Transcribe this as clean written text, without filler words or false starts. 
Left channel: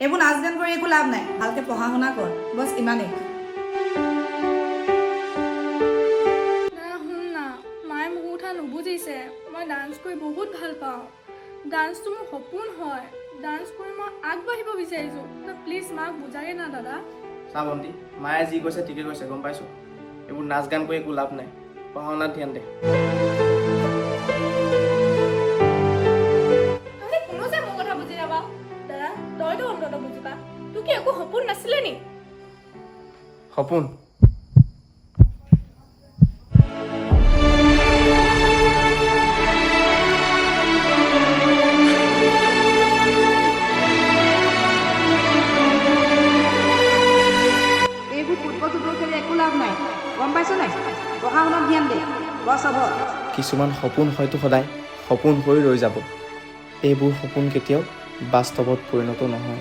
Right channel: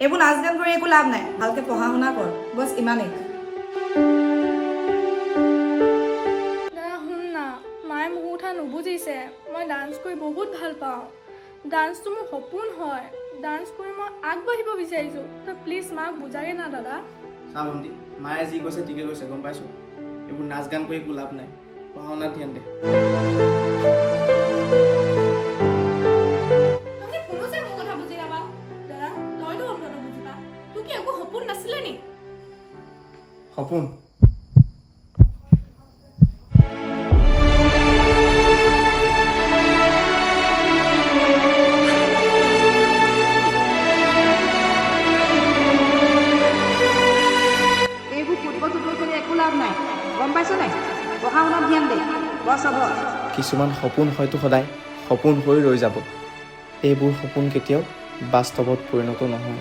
এইবোৰ নাচ গান কৰি একো লাভ নাই, ভালকে পঢ়া শুনা কৰ, বছ ইমানেই। শুন না, মায়ে মোৰ কথা নুবুজিছে। মই ডান্স কৰি বহুত ভাল পাওঁ। ডান্সটো মোৰ সপোন হয়। ডান্স কৰি মই আগবাঢ়িব বিচাৰিছোঁ। তই প্লিজ মাক বুজাগে না দাদা। চা ভণ্টি, মায়ে যি কৈছে ঠিকে কৈছে, গম পাইছোঁ। এইবোৰ নাচ গান কৰি একো লাভ নাই, পঢ়া শুনাত ধ্যান দে। তহঁতে কোনো যে মোৰ কথা বুজি নাপাৱ। দাদা, তইতো অন্তত বুজি পা। তোৰ কি একো সপোন নাছিলে নি? সপোন? এইবোৰ ফুটবল চুটবল খেলি একো লাভ নাই, গম পাইছ নাই? পঢ়া শুনাত ধ্যান দে, বছ হ'ব। কিছুমান সপোন হয়তো সদায় সপোন হৈ ৰৈ যাব। এইবোৰ সপোন কেতিয়াও বাস্তৱত পৰিণত নহয়।